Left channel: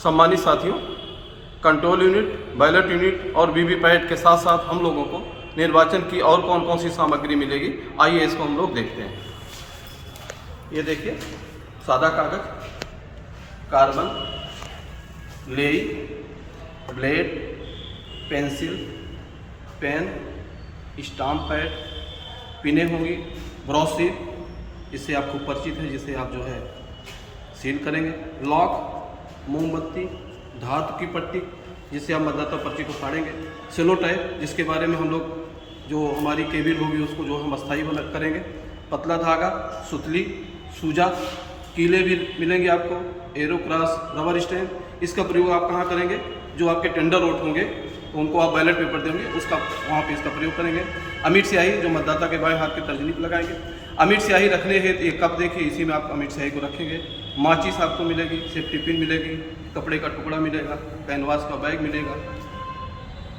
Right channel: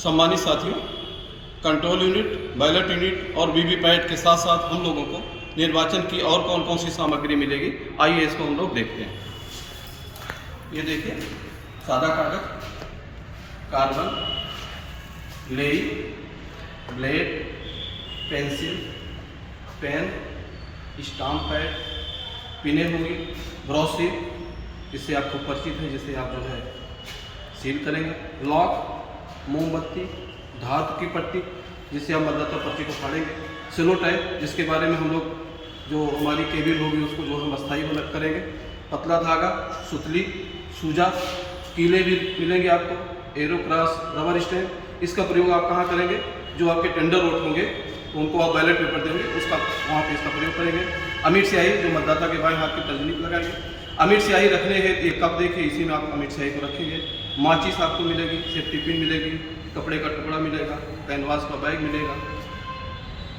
सम्मानित साथियों, control unit, ballot unit और वीवीपैट के साथ साथ हम लोगों को निर्वाचन की और कौन कौन सी सामग्री मिलेगी, आइए इसको हम लोग देखते हैं। ये देखिए, सादा कागज, कार्बन, लेई, blade, pencil, pen, stamp pad, पिने होंगी, ब्रॉशीट, इससे आप खूब परिचित हैं, जिसे आप जो है सील करेंगे, लॉक, मोमबत्ती, धातु की पट्टी, जिससे आप मतदाता पर्ची को फाड़ेंगे, सेलो टाइप, जिसके बारे में हम लोग जो हमारी केबिल होगी उसको जो हम अस्थायी करेंगे, पतला धागा, सुतली, सूजा, कीले भी मिलेंगे आपको, एरो क्रॉस, रबर स्टैम्प। इसका प्रयोग आप कहाँ करेंगे? जो आपके टेंडर वोट होंगे तो उनको आप बैलेट पेपर देंगे, उसका वहाँ पे इसका प्रयोग करेंगे। अमिट स्याही, जो मतदाता के बाएं हाथ की तर्जनी पर लगाएंगे। अमिट स्याही रखने है, एक कप देखिए, इसी में आप अमिट स्याही को रखेंगे। माचिस आपको मिलेगी, सेफ्टी पिन मिलेगी, कपड़े का टुकड़ा मिलेगा, कैनवास का बैग मिलेगा,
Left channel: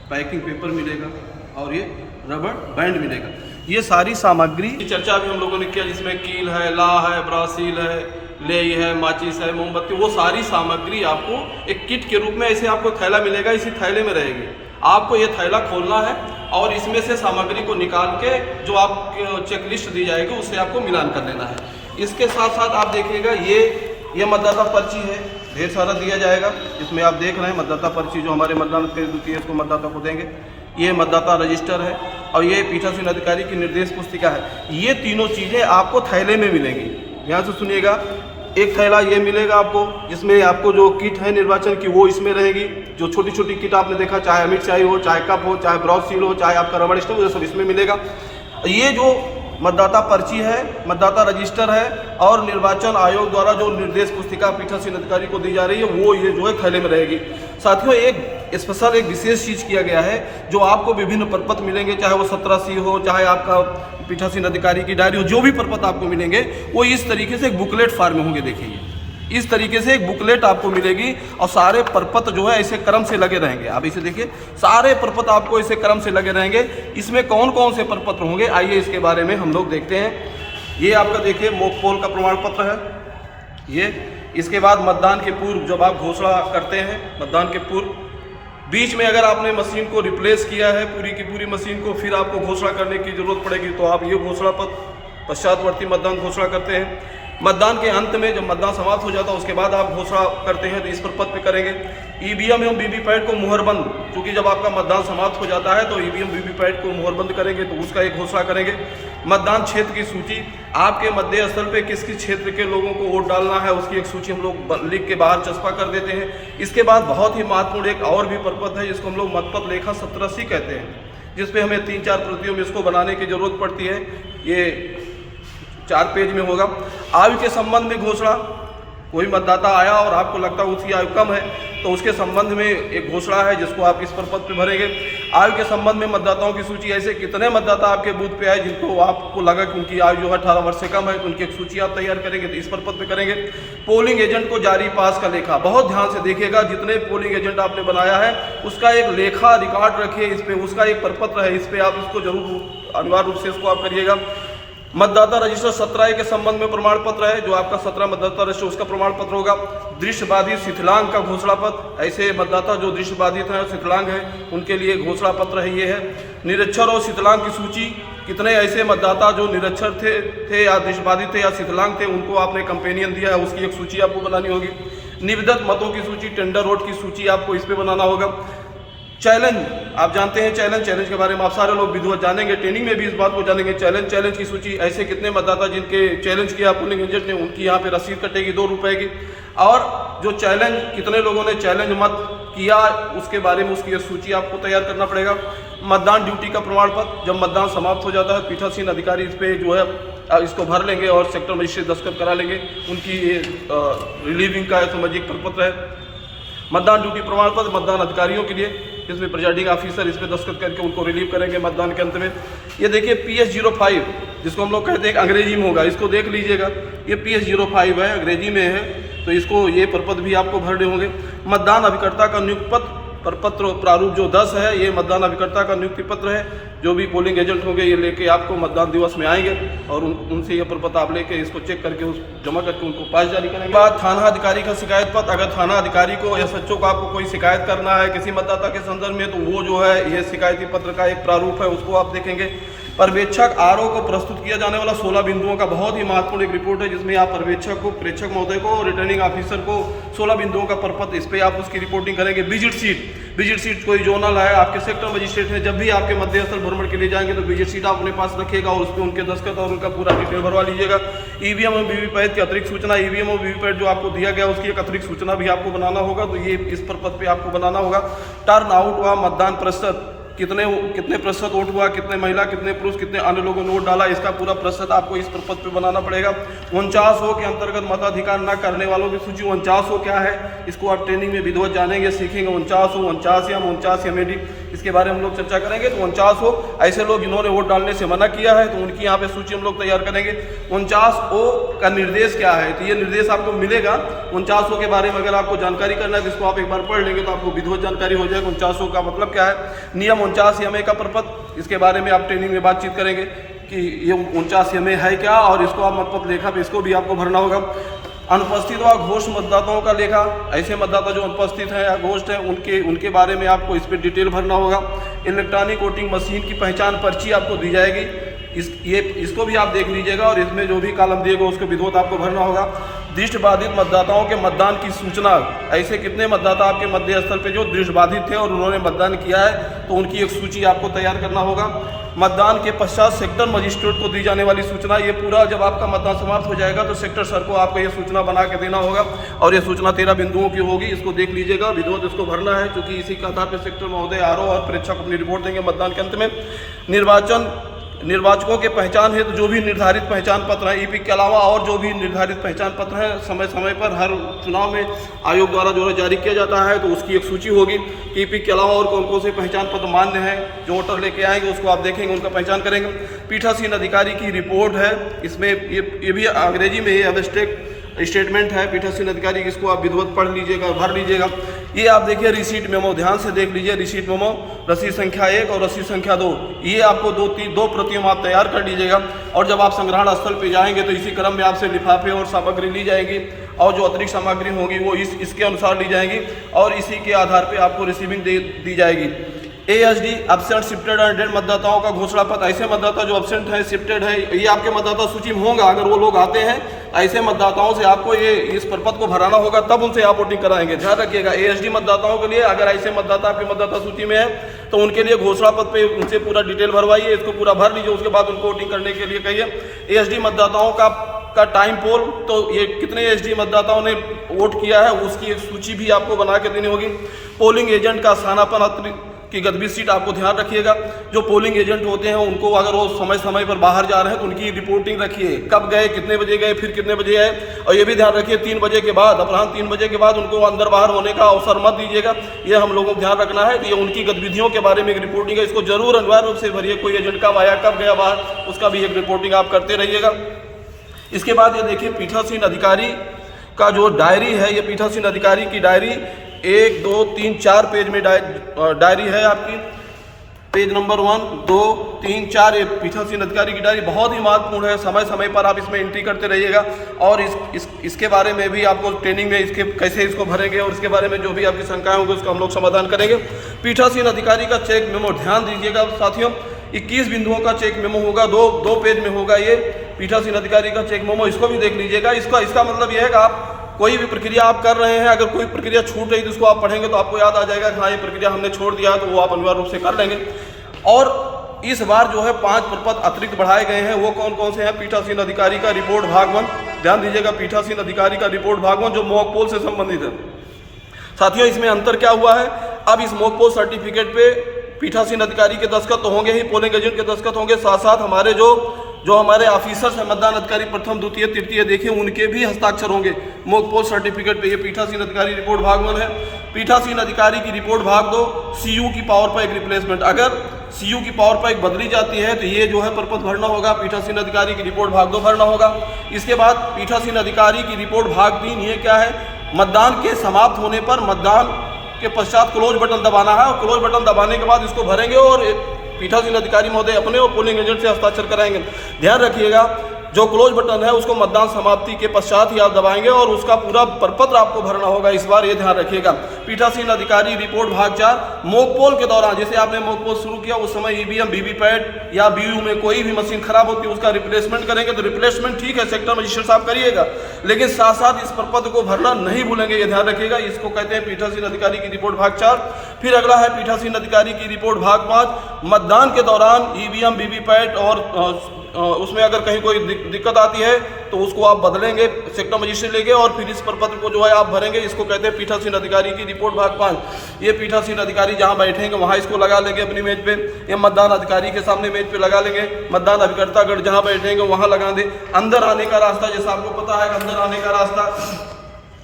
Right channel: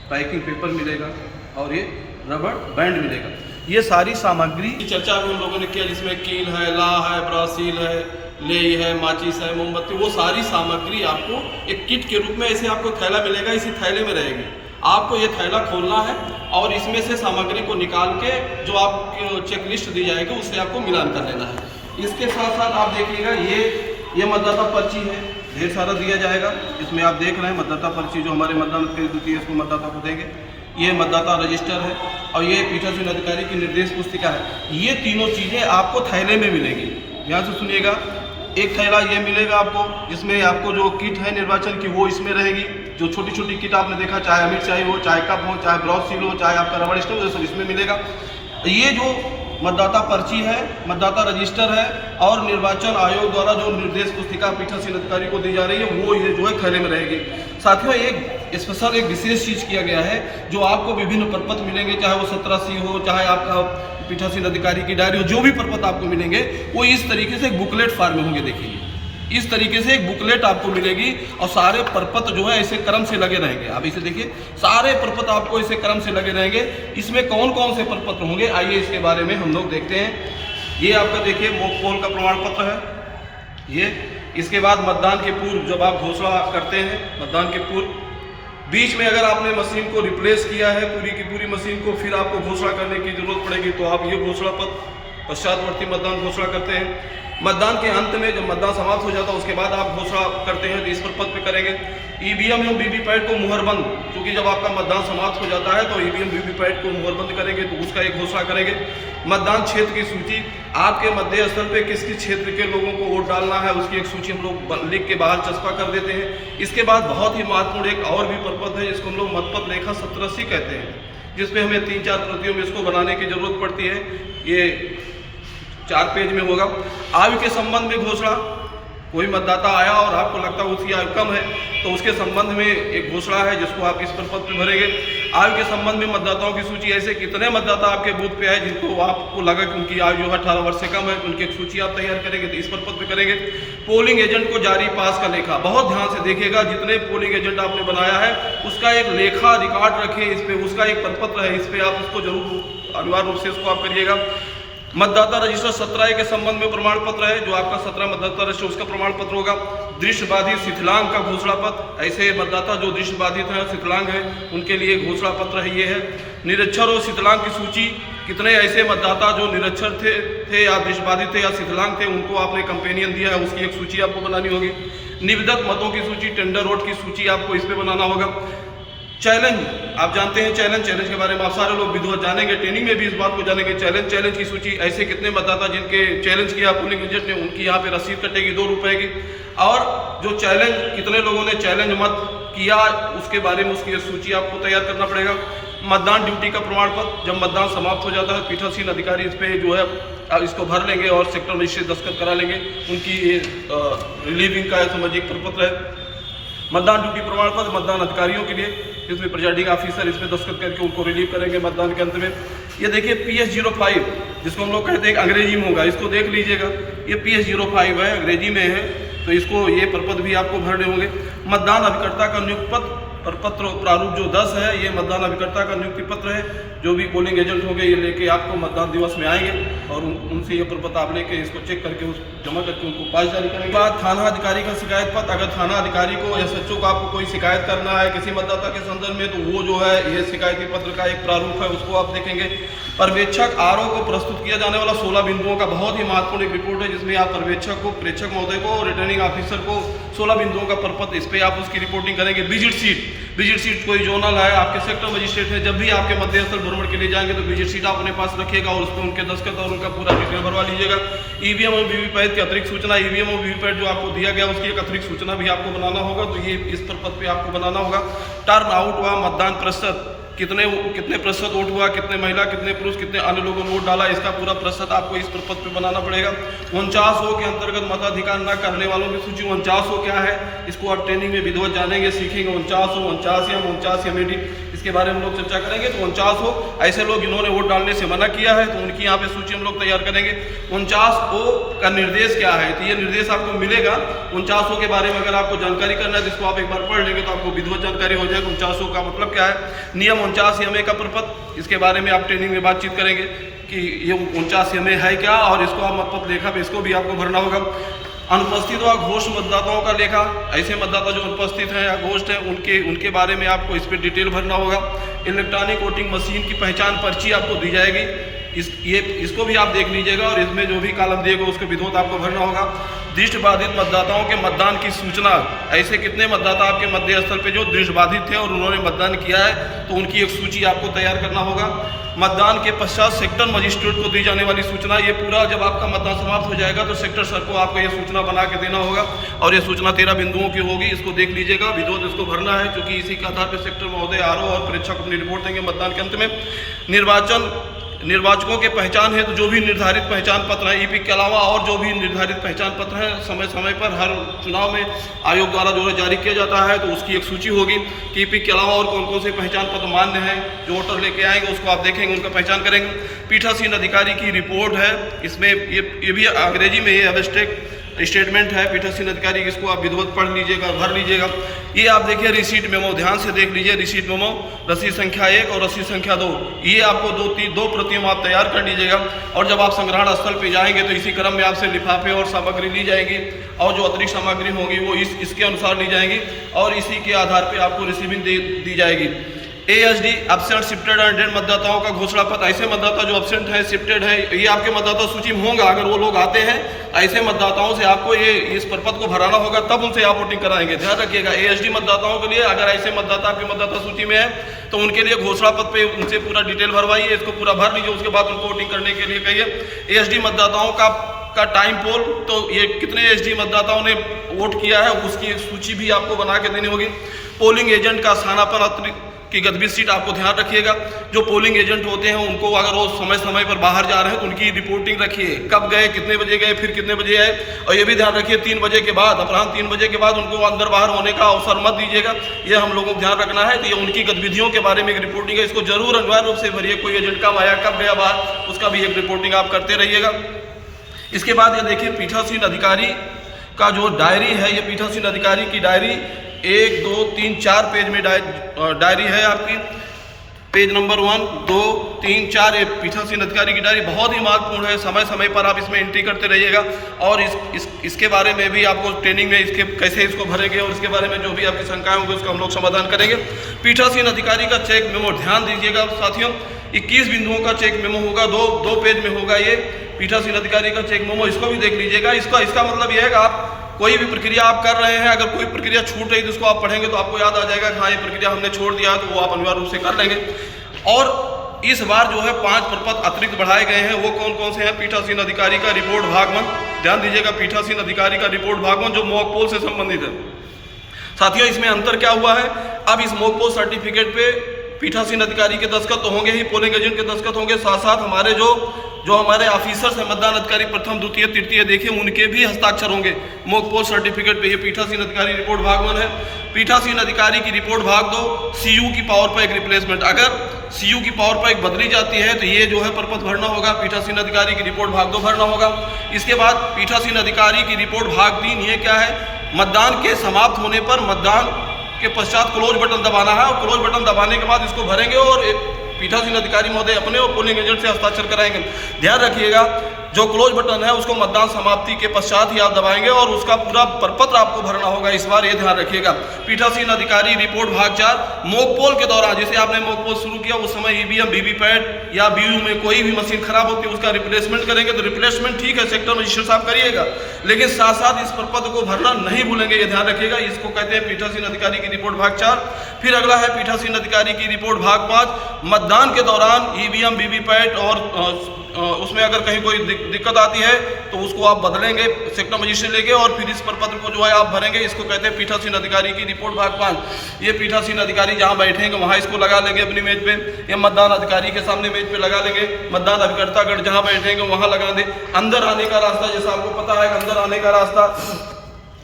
पैकिंग पेपर मिलेगा और ये रबर बैंड मिलेगा। ये सारी सामग्री की चर्चा भी हम लोगों ने किया, जिसमें कील है, ला है, ब्रासील है, लेई है, माचिस है, मोमबत्ती, वो सारी सामग्री आपको एक किट के रूप में ऐसे आपको थैला मिलेगा, इसी थैले में रहेगी। आपको ये थैला खोलना है और इसमें से सामग्री को निकाल के जो आप चेकलिस्ट दी जाएगी उससे आपको मिलान कर लेना है। इसके साथ साथ आप देखिएगा, ये मतदाता पर्ची है, ढेर सारा दिया जाएगा। इसमें आप देख रहे हैं मतदाता पर्ची, जो हमारे मतदान द्वितीय इसको मतदाता को देंगे। ये मतदाता रजिस्टर है और ये पीठासीन अधिकारी की निर्देश पुस्तिका है। ये तीनों चीज़ें आपको थैले में मिलेंगी। ध्यान से सुनिएगा, एक थैला ये मिलेगा आपको, जिसमें आपको जो किट है निर्वाचन की वो इसमें रहेगी। जो छोटी छोटी किट आपने देखा, चाहे अमिट स्याही हो, चाहे कप हो, चाहे ब्रॉशील हो, चाहे आपका रबर स्टैम्प हो, सब इसमें मिलेगा। ये जो मतदाता पर्ची है, मतदाता रजिस्टर है और निर्वाचन आयोग द्वारा जो निर्देश पुस्तिका पीठासीन अधिकारी को दी जा रही है, वो ये जो है थैले में रहेगी। साथियों, एक स्पेशल एक विशेष चीज़ किया गया है, जो आपको विभिन्न प्रपत्र मिलेंगे, चाहे वो 17C हो, चाहे आपका पीठासीन अधिकारी की डायरी हो, जो भी प्रपत्र आपको मिलेंगे वो इस तरीके से एक बुकलेट फॉर्म में होंगे। देखिए, इस तरीके से एक बुकलेट आपको मिलेगी और सारे प्रपत्र जो है ऐसे क्रम से लगे रहेंगे। आप इसे देखिए, सारे प्रपत्र आपको इसे क्रम से लगे रहेंगे। इसमें कौन कौन से प्रपत्र होंगे, आइए इसके बारे में हम लोग देखते हैं। ये आपका देखिए मॉक पोल का प्रमाण पत्र है ये। इसके बाद मतदान के पूर्व जब आप घोषणा करते हैं, मतदान के पूर्व बीच में अगर आपने मशीन को रिप्लेस किया है, पूरी की पूरी मशीन को, फिर आपको घोषणा करने की जरूरत पड़ेगी, तो आप ये घोषणा पत्र पश्चातवर्ती मतदान घोषणा करते हैं। मतदान के अंत में जब मतदान समाप्त हो जाता है उसके बाद आप घोषणा करते हैं, तो इस पर पत्र पे करेंगे। ईवीएम एवं वीवीपैट को मुहरबंद, क्योंकि जब आपका मतदान समाप्त हो जाता है तो ईवीएम वीवीपैट को मुहरबंद करेंगे, तो उसका एक घोषणा करेंगे। मतदान क्षेत्र की सूची, आपके मतदेय स्थल पे किस किस क्षेत्र के लोगों को वोट डालना है उसकी एक सूची हम लोग लिख के बाहर चस्पा कर देते हैं। इसके बाद बहुत ही महत्वपूर्ण एक और भी प्रपत्र है, जिसको हम लोग मतपत्र लेखा 17C कहते हैं, जिसपे हमें 3-4 प्रतियों में इसको बनाने की जरूरत पड़ती है। ये 4 पेज में होगा। आयु के संबंध में घोषणा, कोई मतदाता आया और आपको लगता है उसकी आयु कम है, तो उसके संबंध में एक घोषणा है जिसको आप इस प्रपत्र पे भरेंगे। आयु के संबंध में मतदाताओं की सूची, ऐसे कितने मतदाता आपके बूथ पे आए जिनको आपको लगा कि उनकी आयु जो है 18 वर्ष से कम है, उनकी एक सूची आप तैयार करेंगे, तो इस प्रपत्र पे करेंगे। पोलिंग एजेंट को जारी पास का लेखा, बहुत ध्यान से देखिएगा, जितने पोलिंग एजेंट आपने बनाया है उसका एक लेखा रिकॉर्ड रखिए, इस पे उसका एक प्रपत्र है, इस पे आप इसको जरूर अनिवार्य रूप से इसको आप करिएगा। मतदाता रजिस्टर 17A के संबंध में प्रमाण पत्र है, जो आपका 17 मतदाता रजिस्टर उसका प्रमाण पत्र होगा। दृष्टिबाधित शिथिलांग का घोषणा पत्र, ऐसे मतदाता जो दृष्टिबाधित हैं, शिथिलांग हैं, उनके लिए घोषणा पत्र है, ये है। निरक्षर और शिथिलांग की सूची, कितने ऐसे मतदाता जो निरक्षर थे या दृष्टिबाधित थे या शिथिलांग थे, उनको आपने कंपेनियन दिया है, उसकी एक सूची आपको बनानी होगी। निविदत मतों की सूची, टेंडर वोट की सूची आपको इस पर बनाना होगा। चैलेंज, आप जानते हैं चैलेंज के बारे में आप सारे लोग विधिवत जानेंगे, ट्रेनिंग में भी इस बात को जानेंगे। चैलेंज की सूची, ऐसे कितने मतदाता जिनके चैलेंज किया पोलिंग एजेंट ने, उनकी यहाँ पे रसीद कटेगी 2 रुपये की। और जो चैलेंज, कितने लोगों ने चैलेंज मत किया, उसके बारे में उसकी सूची आपको तैयार करना पड़ेगा। मतदान ड्यूटी का प्रमाण पत्र, जब मतदान समाप्त हो जाता है पीठासीन अधिकारी इस पर जो है इसको भर लेंगे और सेक्टर मजिस्ट्रेट दस्तखत करा लेंगे। उनकी ये रिलीविंग का समझिए प्रपत्र है। मतदान ड्यूटी प्रमाण पत्र मतदान अधिकारियों के लिए, इसमें प्रिजाइडिंग ऑफिसर इस पर दस्तखत करके उनको रिलीव करेंगे मतदान के अंत में। ये देखिए PS05, जिसको हम लोग कहते हैं अंग्रेजी में होगा, इसको देख लीजिएगा, ये PS05 है, अंग्रेजी में है, तो इसको ये प्रपत्र भी आपको भरने होंगे। मतदान अभिकर्ता का नियुक्त पत्र, प्रपत्र प्रारूप जो 10 है, ये मतदान अभिकर्ता का नियुक्ति पत्र है। जो भी पोलिंग एजेंट होंगे ये लेके आपको मतदान दिवस में आएंगे और उनसे ये प्रपत्र आप लेके इसको चेक करके जमा करके उनको पास जारी करेंगे। बाद थाना अधिकारी का शिकायत पत्र, अगर थाना अधिकारी को या SHO को आपको कोई शिकायत करना है किसी मतदाता के संदर्भ में, तो वो जो है ये शिकायती पत्र का एक प्रारूप है, उसको आप देखेंगे। पर्यवेक्षक RO को प्रस्तुत किया जाने वाला 16 बिंदुओं का बहुत ही महत्वपूर्ण एक रिपोर्ट है, जिसमें आप पर्यवेक्षक को, प्रेक्षक महोदय को, रिटर्निंग ऑफिसर को 16 बिंदुओं का प्रपत्र, इस पर आप उसकी रिपोर्टिंग करेंगे। विजिट सीट कोई जोनल है, आपके सेक्टर मजिस्ट्रेट है, जब भी आपके मध्य स्थल भ्रमण के लिए जाएंगे तो विजिट सीट आप अपने पास रखिएगा और उस पर उनके दस्तखत और उनका पूरा डिटेल भरवा लीजिएगा। EVM और वीवीपैट की अतिरिक्त सूचना, EVM और वीवीपैट जो आपको दिया गया उसकी एक अतिरिक्त सूचना भी आपको बनाना होगा, तो ये इस प्रपत्र पे आपको बनाना होगा। टर्न आउट हुआ मतदान प्रतिशत, कितने प्रतिशत वोट हुआ, कितने महिला, कितने पुरुष, कितने अन्य लोगों ने वोट डाला, इसका पूरा प्रतिशत आपको इस प्रपत्र पे बनाना पड़ेगा। 49 के अंतर्गत मताधिकार न करने वालों की सूची, 49 क्या है इसको आप ट्रेनिंग में विधिवत जानेंगे, सीखेंगे। 49 MAD, इसके बारे में हम लोग चर्चा करेंगे। तो 49 ऐसे लोग जिन्होंने वोट डालने से मना किया है, तो उनकी यहाँ पे सूची हम लोग तैयार करेंगे। 49 का निर्देश क्या है, तो ये निर्देश आपको मिलेगा। 49 के बारे में अगर आपको जानकारी करना है, जिसको आप एक बार पढ़ लेंगे तो आपको विधिवत जानकारी हो जाएगी। 49 का मतलब क्या है, नियम 49 MA का प्रपत्र, इसके बारे में आप ट्रेनिंग में बातचीत करेंगे कि ये 49 MA है क्या, और इसको आप मतपत्र लेखा पे इसको भी आपको भरना होगा। अनुपस्थित व घोष मतदाताओं का लेखा, ऐसे मतदाता जो अनुपस्थित हैं या घोष हैं उनके बारे में आपको इस पर डिटेल भरना होगा। इलेक्ट्रॉनिक वोटिंग मशीन की पहचान पर्ची आपको दी जाएगी, इसको भी आप देख लीजिएगा और इसमें जो भी कॉलम दिएगा उसको विधिवत आपको भरना होगा। दृष्टिबाधित मतदाताओं के मतदान की सूचना, ऐसे कितने मतदाता आपके मध्य स्थल पे जो दृष्टिबाधित थे और उन्होंने मतदान किया है, तो उनकी एक सूची आपको तैयार करना होगा। मतदान के पश्चात सेक्टर मजिस्ट्रेट को दी जाने वाली सूचना, ये पूरा जब आपका मतदान समाप्त हो जाएगा तो सेक्टर सर को आपको ये सूचना बना के देना होगा और ये सूचना 13 बिंदुओं की होगी, इसको देख लीजिएगा। विधिवत इसको भरना है, क्योंकि इसी के आधार पर सेक्टर महोदय RO और प्रेक्षक अपनी रिपोर्ट देंगे मतदान के अंत में। निर्वाचकों के पहचान है तो जो भी निर्धारित पहचान पत्र है, EP के अलावा और जो भी निर्धारित पहचान पत्र है समय समय पर हर चुनाव में आयोग द्वारा जो है जारी किया जाता है, तो उसकी एक सूची होगी कि EP के अलावा और कौन कौन से पहचान पत्र मान्य हैं, जो वोटर लेके आएंगे उसको आप देखेंगे, उनका पहचान करेंगे। पीठासीन अधिकारी की रिपोर्ट है, इसमें ये भी अंग्रेजी में ये एब्स्ट्रैक्ट स्टेटमेंट है पीठासीन अधिकारी, इसको आप विधिवत पढ़ लीजिएगा, भर लीजिएगा। ये आप देखिए रिसीट मेमो, ध्यान से देख लीजिए। रिसीट मेमो रसीद संख्या 1 और रसीद संख्या 2, ये आपको दो प्रतियों आप तैयार कर लीजिएगा और जब आप संग्रहण स्थल पे जाएंगे तो इसी क्रम में आपसे लिफाफे और सामग्री ली जाएगी और जो अतिरिक्त सामग्री होगी वो इसके अनुसार ली जाएंगी और इसी के आधार पर आपको रिसीविंग दी जाएगी। ASD absent shifted and dead मतदाताओं का घोषणा पत्र, ऐसे मतदाता जो एब्सेंट है, शिफ्टेड है, ये आपके मतदाता सूची में होगा। अगर वो लोग आते हैं ऐसे मतदाताओं से आपको ये इस प्रपत्र को भराना होगा, तब उनसे आप वोटिंग कराएंगे। ध्यान रखिएगा, ASD मतदाताओं के लिए अगर ऐसे मतदाता आपके मतदाता सूची में है तो उनके लिए घोषणा पत्र पे उनसे पूरा डिटेल भरवाइए, इसको पूरा भर लीजिए, उसके बाद उनको वोटिंग करने के लिए कहिए। ASD मतदाताओं का टाइम पोल, तो ये कितने ASD मतदाताओं ने वोट किया है उसकी एक सूची भी आपको बना के देनी होगी। पोलिंग एजेंट का स्थानापन्न की गतिविधि सीट आपको ध्यान रखिएगा। जो पोलिंग एजेंट होते हैं उनको अगर वो समय समय पर बाहर जा रहे हैं तो उनकी रिपोर्टिंग रखिए, कब गए, कितने बजे गए, फिर कितने बजे आए। और ये भी ध्यान रखिए 3 बजे के बाद, अपराह्न 3 बजे के बाद उनको अंदर बाहर होने का अवसर मत दीजिएगा, ये हम लोगों को ध्यान रखना है। तो ये उनकी गतिविधियों के बारे में एक रिपोर्टिंग है, इसको जरूर अनिवार्य रूप से भरिए। कोई एजेंट कब आया, कब गया बाहर, उसका भी एक रिपोर्टिंग आप करते रहिएगा। इसके बाद ये देखिए पीठासीन अधिकारी का जो डायरी है, ये पीठासीन अधिकारी की डायरी 1, 2, 3, 4 पेज में डायरी है आपकी। पेज नंबर 1, 2, 3, 4 ये पीठासीन अधिकारी की डायरी बहुत ही महत्वपूर्ण है। समय समय पर आप इसमें एंट्री करते रहिएगा और इसके बारे में भी आपको ट्रेनिंग में इसके कैसे इसको भरेंगे और इसके बारे में जो भी आपकी शंकाएं होंगी उसका हम लोग समाधान करेंगे। पीठासीन अधिकारी का चेक मेमो, ध्यान दीजिएगा साथियों, 21 बिंदुओं का चेक मेमो होगा, दो पेज में होगा ये पीठासीन अधिकारी का चेक मेमो, इसको भी देख लीजिएगा। इसका मतलब यह है कि आप कोई भी प्रक्रिया आप कर रहे हैं, अगर कोई प्रक्रिया छूट रही तो उसको आप पढ़ेंगे तो आपको याद आ जाएगा कि हाँ ये प्रक्रिया हमने छोड़ दिया है, तो वो आप अनिवार्य रूप से कर लेंगे। और इस बार जो है 5 प्रपत्र अतिरिक्त बढ़ाए गए हैं, वो कौन कौन से हैं? पीठासीन अधिकारी का रिपोर्ट भाग 1, ध्यान दीजिएगा, पीठासीन अधिकारी का रिपोर्ट भाग 1 जो मॉक पोल से संबंधित है। साथियों इसमें अंतर क्या हुआ है, अब इस मॉक पोल सर्टिफिकेट पे पीठासीन अधिकारी के दस्तखत तो होंगे ही, पोलिंग एजेंट के दस्तखत होंगे, साथ साथ हमारे जो हमारे ऑफिसर्स हैं, मतदान अधिकारी प्रथम, द्वितीय, तृतीय देखें, उनके भी हस्ताक्षर होंगे मॉक पोल सर्टिफिकेट पे। ये पीठासीन अधिकारी रिपोर्ट भाग 1 है। पीठासीन अधिकारी की रिपोर्ट भाग 2, CU की पावर पैक रिप्लेसमेंट, अगर CU की पावर पैक बदली जाती है तो ये जो है प्रपत्र भरना होगा, पीठासीन अधिकारी की रिपोर्ट भाग 2 भरना होगा। इसके बाद पीठासीन अधिकारी की रिपोर्ट भाग 3, ये क्या है? मतदान के समाप्त होने पर मतदान के पश्चात क्लोज बटन दबाना है और क्लोज बटन दबाने के बाद इसको भरेंगे और पीठासीन अधिकारी महोदय अपने और पोलिंग एजेंट से हस्ताक्षर कराएंगे। ध्यान रखिएगा, जो क्लोज बटन है उसको मतदान समाप्ति के पश्चात ही आप दबाएंगे और उसका पूरा प्रपत्र आपको भरना होगा। इस बार ये ध्यान रखिएगा। पीठासीन अधिकारी रिपोर्ट भाग 4, मॉकपोल के दौरान जैसे आपने मॉकपोल शुरू किया उस समय ईवीएम वीवीपैट या बीयू में कोई भी मशीन खराब होती है उसका रिप्लेसमेंट करेंगे तो रिप्लेसमेंट ठीक है, सेक्टर मजिस्ट्रेट साहब करिएगा, लेकिन साथ साथ इस प्रपत्र को भरना नहीं भूलेंगे, ये ध्यान रखिएगा। इसको कहते हैं पीठासीन अधिकारी की रिपोर्ट भाग 4। फिर अगला है पीठासीन अधिकारी की रिपोर्ट भाग 5, मतदान के दौरान ईवीएम वीवीपैट और उसमें अगर कहीं कोई दिक्कत आती है तो उसको आप बदलेंगे सेक्टर मजिस्ट्रेट लेके और फिर इस प्रपत्र को जो है आप भरेंगे। इसको कहते हैं पीठासीन अधिकारी की रिपोर्ट भाग 5। ये पीठासीन अधिकारी जहां बैठेंगे वहां इसको लगा लेंगे अपनी मेज पे, या मतदान अधिकारी के सामने मेज पे लगा लेंगे, मतदान अभिकर्तागण जहां बैठेंगे वहां लगा दें। अंदर आने का रास्ता जैसा आपको पता है, अंदर आने का रास्ता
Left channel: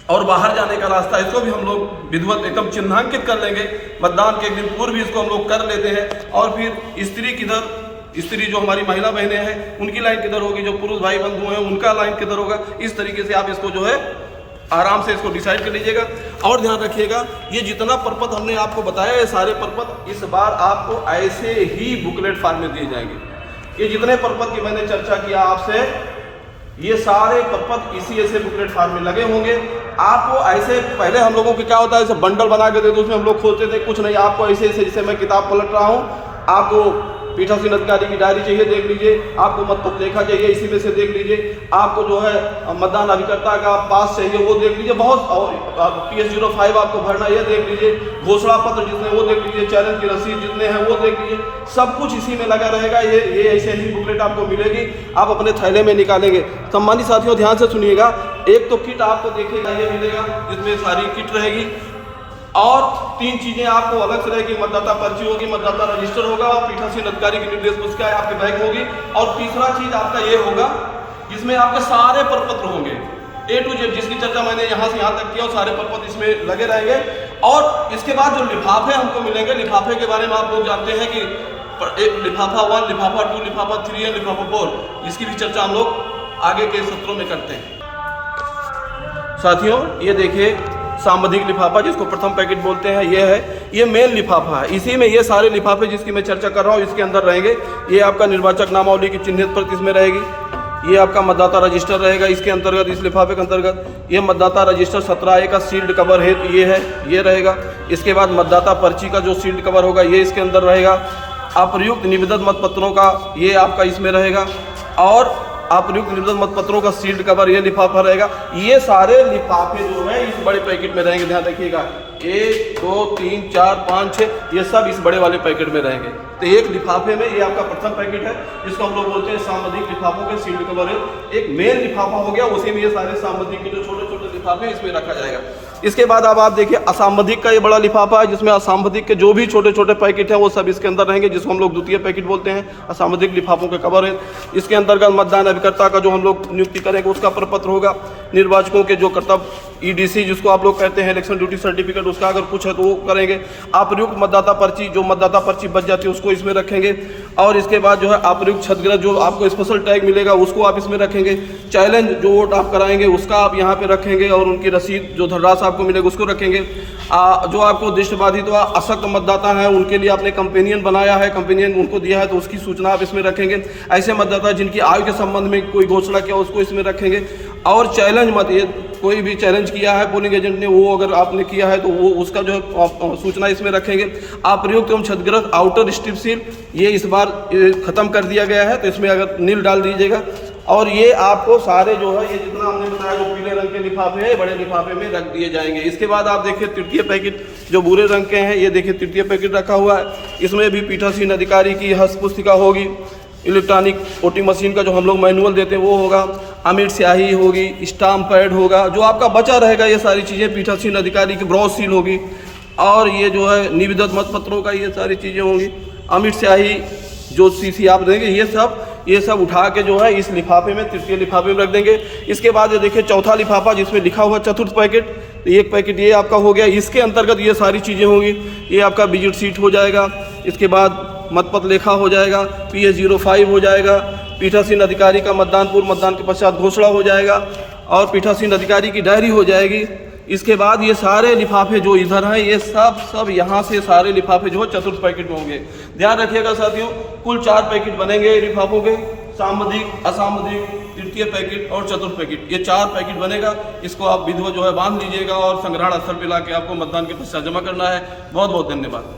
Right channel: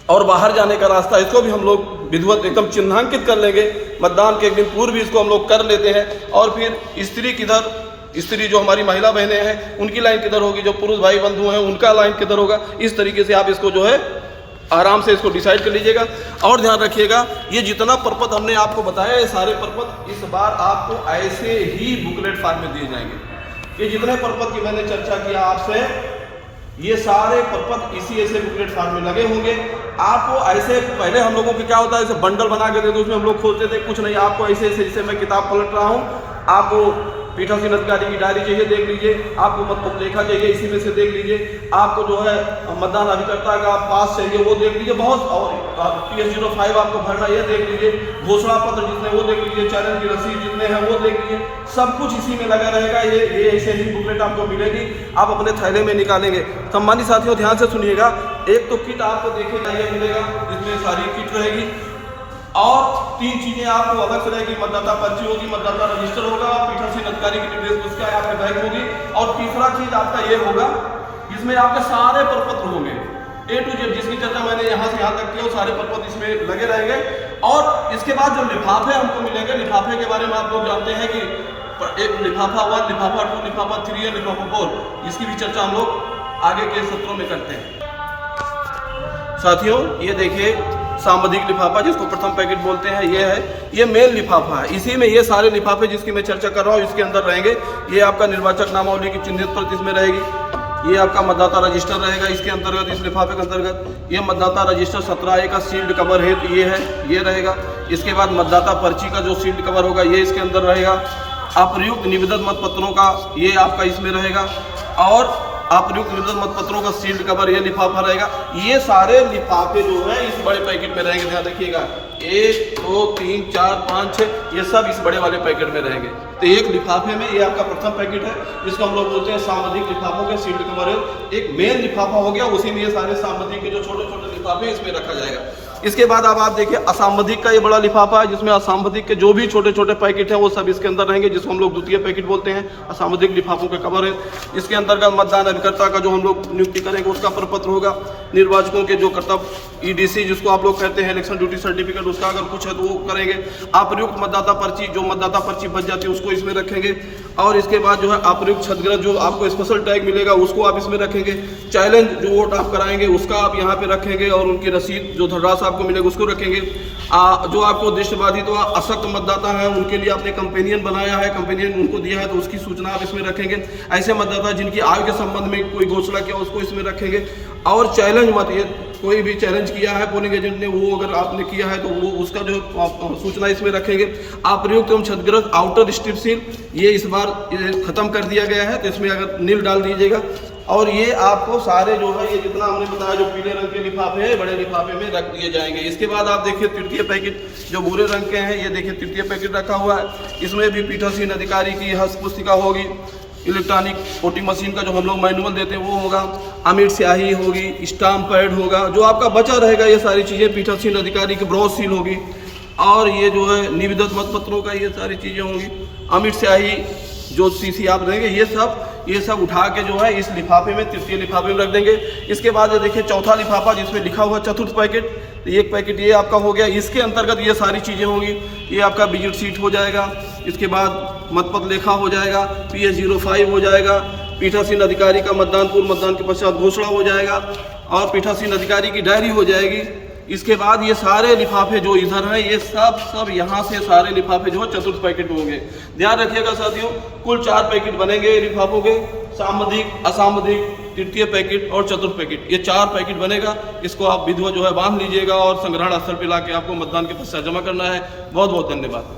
और बाहर जाने का रास्ता, इसको भी हम लोग विधिवत एकदम चिन्हांकित कर लेंगे। मतदान के एक दिन पूर्व भी इसको हम लोग कर लेते हैं। और फिर स्त्री किधर, स्त्री जो हमारी महिला बहनें हैं उनकी लाइन किधर होगी, जो पुरुष भाई बंधु हैं उनका लाइन किधर होगा, इस तरीके से आप इसको जो है आराम से इसको डिसाइड कर लीजिएगा। और ध्यान रखिएगा, ये जितना परपत्र हमने आपको बताया, ये सारे परपत्र इस बार आपको ऐसे ही बुकलेट फॉर्म में दिए जाएंगे। ये जितने परपत्र की मैंने चर्चा किया आपसे, ये सारे परपत्र इसी ऐसे बुकलेट फॉर्म में लगे होंगे। आपको ऐसे पहले हम लोगों की क्या होता है, ऐसे बंडल बना के देते, उसमें हम लोग खोलते थे, कुछ नहीं, आपको ऐसे ऐसे जैसे मैं किताब पलट रहा हूँ, आपको पीठासीन अधिकारी की डायरी चाहिए देख लीजिए, आपको मतदाता लेखा चाहिए इसी में से देख लीजिए, आपको जो है मतदान अभिकर्ता का पास चाहिए वो देख लीजिए, बहुत PS05 आपको भरना ये देख लीजिए, घोषणा पत्र जितने वो देख लीजिए, चैलेंज की रसीद जितने हैं वो देख लीजिए, सब कुछ इसी में लगा रहेगा। ये ऐसे ही बुकलेट आपको मिलेगी, आप अपने थैले में निकालेंगे। सम्मानित साथियों ध्यान से सुनिएगा, एक तो किट आपको देखिएगा ये मिलेगा जिसमें सारी किट रहेगी, और 3 चीजें आपको अलग से रहेगी, मतदाता पर्ची होगी, मतदाता रजिस्टर होगा और पीठासीन अधिकारी की निर्देश पुस्तिका आपके बैग होगी। और तीसरा चीज आपका ये होगा, इसमें आपके सारे प्रपत्र होंगे A to Z, जिसकी चर्चा मैंने यहाँ से यहाँ तक किया, और सारे प्रपत्र इसमें लगे रहेंगे। और इसके बाद जो लिफाफे हमको मिलेंगे, लिफाफे के बारे में आप लोग जानते हैं कि एक लिफाफा 1, लिफाफा 2, लिफाफा 3 और लिफाफा 4, इसकी भी चर्चा हम लोग आगे के सत्रों में करते हैं। साथियों ये देखिए सामधिक लिफाफा जिसको प्रथम पैकेट बोलते हैं, ये है, ये मेन लिफाफा है। इसी में ये सारे लिफाफे जिसकी मैं चर्चा कर रहा हूँ इसके अंदर रहेंगे। ये आपका निर्वाचक नामावली की चिन्हित प्रति इसमें रहेगी, ये आपका मतदाता रजिस्टर रहेगा इसके अंतर्गत, इस लिफाफे के अंतर्गत। ये मतदाता रजिस्टर 17A का सील्ड कवर है, ये है, ये रहेगा। इसके बाद मतदाता पर्ची का जो सील्ड कवर होगा ये इसके अंदर रहेगा। अप्रयुक्त निवेदन मतपत्रों का ये आपका इसमें रहेगा, और अप्रयुक्त निवेदन मतपत्रों का सील्ड कवर ये लिफाफा रहेगा। ये सारे लिफाफे जो है इस बड़े पैकेट में रहेंगे, ध्यान रखिएगा। 1 2 3 4 5 6 ये सब इस बड़े वाले पैकेट में रहेंगे। तो एक लिफाफे में ये आपका प्रथम पैकेट है, इसको हम लोग बोलते हैं सामधिक लिफाफों के सील्ड कवर है। एक मेन लिफाफा हो गया, उसी में ये सारे सामधिक के जो छोटे छोटे लिफाफे इसमें रखा जाएगा। इसके बाद अब आप देखिए असामधिक का ये बड़ा लिफाफा है, जिसमें असामधिक के जो भी छोटे छोटे पैकेट हैं वो सब इसके अंदर रहेंगे, जिसको हम लोग द्वितीय पैकेट बोलते हैं। असामधिक लिफाफों के कवर है। इसके अंतर्गत मतदान अभिकर्ता का जो हम लोग नियुक्ति करेंगे उसका प्रपत्र होगा, निर्वाचकों के जो कर्तव्य EDC जिसको आप लोग कहते हैं इलेक्शन ड्यूटी सर्टिफिकेट, उसका अगर कुछ है तो वो करेंगे। अप्रयुक्त मतदाता पर्ची, जो मतदाता पर्ची बच जाती है उसको इसमें रखेंगे। और इसके बाद जो है अप्रयुक्त क्षतिग्रस्त जो आपको स्पेशल टैग मिलेगा उसको आप इसमें रखेंगे। चैलेंज जो वोट आप कराएंगे उसका आप यहाँ पे रखेंगे, और उनकी रसीद जो धनराशि आपको मिलेगा उसको रखेंगे। जो आपको दृष्टिबाधित व अशक्त मतदाता हैं उनके लिए आपने कंपेनियन बनाया है, कंपेनियन उनको दिया है तो उसकी सूचना आप इसमें रखेंगे। ऐसे मतदाता जिनकी आयु के संबंध में कोई घोषणा किया उसको इसमें रखेंगे। और चैलेंज मत, ये कोई भी चैलेंज किया है पोलिंग एजेंट ने, वो अगर आपने किया है तो वो उसका जो सूचना इसमें रखेंगे। अप्रयुक्त एवं क्षतिग्रस्त आउटर स्ट्रिप सील ये इस बार खत्म कर दिया गया है, तो इसमें अगर नील डाल दीजिएगा। और ये आपको सारे जो है ये जितना हमने बताया जो पीले रंग के लिफाफे हैं बड़े लिफाफे में रख दिए जाएंगे। इसके बाद आप देखिए तृतीय पैकेट जो भूरे रंग के हैं, ये देखिए तृतीय पैकेट रखा हुआ है। इसमें भी पीठासीन अधिकारी की हस्त पुस्तिका होगी, इलेक्ट्रॉनिक वोटिंग मशीन का जो हम लोग मैनुअल देते हैं वो होगा, अमिट स्याही होगी, स्टाम्प पैड होगा, जो आपका बचा रहेगा ये सारी चीज़ें। पीठासीन अधिकारी की ब्रॉस सील होगी, और ये जो है निविदत मतपत्रों का ये सारी चीज़ें होंगी। अमिट स्याही जो CC आप देंगे ये सब उठा के जो है इस लिफाफे में, तृतीय लिफाफे में रख देंगे। इसके बाद ये देखिए चौथा लिफाफा जिसमें लिखा हुआ चतुर्थ पैकेट, तो एक पैकेट ये आपका हो गया। इसके अंतर्गत ये सारी चीज़ें होंगी। ये आपका विजिट सीट हो जाएगा, इसके बाद मतपत्र लेखा हो जाएगा, PS05 हो जाएगा, पीठासीन अधिकारी का मतदान पूर्व मतदान के पश्चात घोषणा हो जाएगा, और पीठासीन अधिकारी की डायरी हो जाएगी। इसके बाद ये सारे लिफाफे जो इधर हैं ये सब यहाँ से सारे लिफाफे जो है चतुर्थ पैकेट में होंगे। ध्यान रखिएगा साथियों, कुल 4 पैकेट बनेंगे लिफाफों के, सामधिक, असामधिक, तृतीय पैकेट और चतुर्थ पैकेट, ये 4 पैकेट बनेगा। इसको आप विधिवत जो है बांध लीजिएगा और संग्रहण स्थल पर लाके आपको मतदान के पश्चात जमा करना है। बहुत बहुत धन्यवाद।